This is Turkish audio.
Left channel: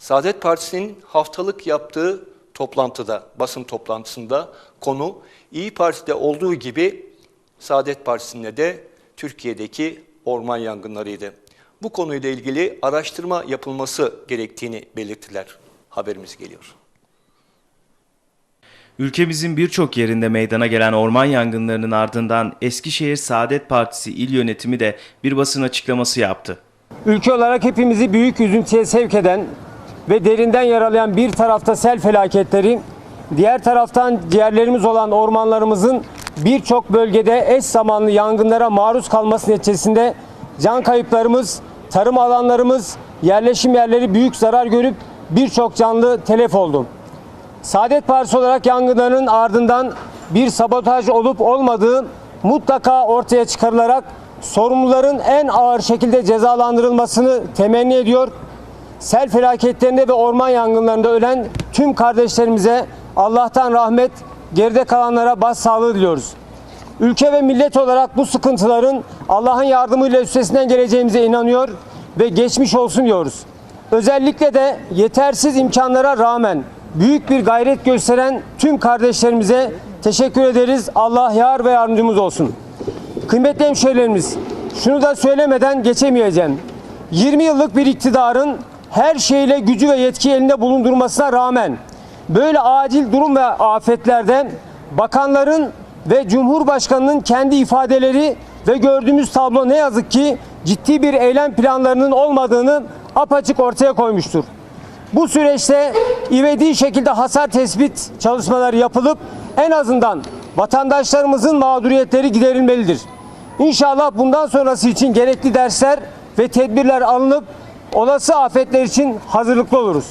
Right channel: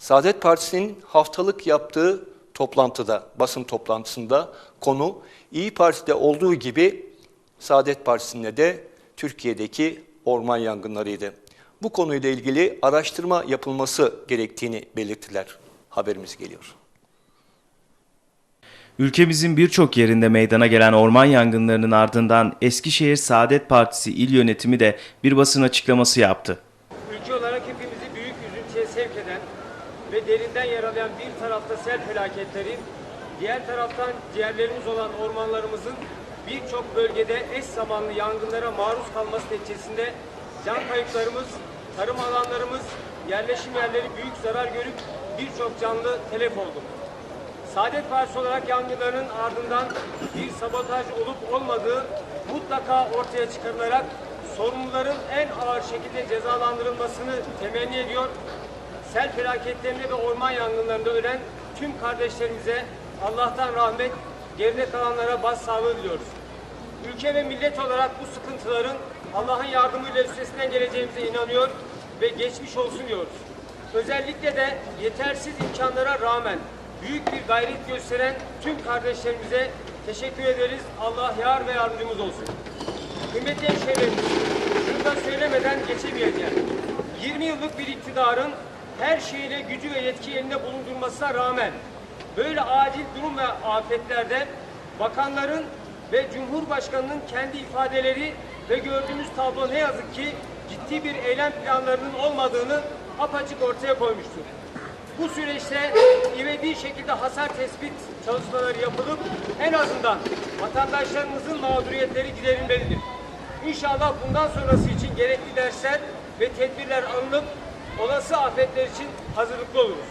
Saadet Partisi'nin haftalık yaptığı toplantıda, basın toplantısında konu İyi Parti'de olduğu gibi Saadet Partisi'nde de Türkiye'deki orman yangınlarıydı. Bu konuyla ilgili araştırma yapılması gerektiğini belirttiler. Haberimiz geliyor. Ülkemizin birçok yerinde meydana gelen orman yangınlarının ardından Eskişehir Saadet Partisi il yönetimi de bir basın açıklaması yaptı. Ülke olarak hepimizi büyük üzüntüye sevk eden ve derinden yaralayan bir tarafta sel felaketleri, diğer taraftan ciğerlerimiz olan ormanlarımızın birçok bölgede eş zamanlı yangınlara maruz kalması neticesinde can kayıplarımız, tarım alanlarımız, yerleşim yerleri büyük zarar görüp birçok canlı telef oldu. Saadet Partisi olarak yangınların ardından bir sabotaj olup olmadığı mutlaka ortaya çıkarılarak sorumluların en ağır şekilde cezalandırılmasını temenni ediyor. Sel felaketlerinde ve orman yangınlarında ölen tüm kardeşlerimize Allah'tan rahmet, geride kalanlara başsağlığı diliyoruz. Ülke ve millet olarak bu sıkıntıların Allah'ın yardımıyla üstesinden geleceğimize inanıyor ve geçmiş olsun diyoruz. Özellikle de yetersiz imkanlara rağmen büyük bir gayret gösteren tüm kardeşlerimize teşekkür ederiz. Allah yar ve yardımcımız olsun. Kıymetli hemşehrilerimiz, şunu da söylemeden geçemeyeceğim. 20 yıllık bir iktidarın her şeyle gücü ve yetki elinde bulundurmasına rağmen böyle acil durum ve afetlerden bakanların ve Cumhurbaşkanının kendi ifadeleri ve gördüğümüz tablo ne yazık ki ciddi bir eylem planlarının olmadığını apaçık ortaya koymuştur. Bu süreçte ivedi şekilde hasar tespit çalışmaları yapılıp en azından vatandaşlarımızın mağduriyetleri giderilmelidir. İnşallah bundan sonrası için gerekli dersler ve tedbirler alınıp olası afetler için hazırlıklı oluruz.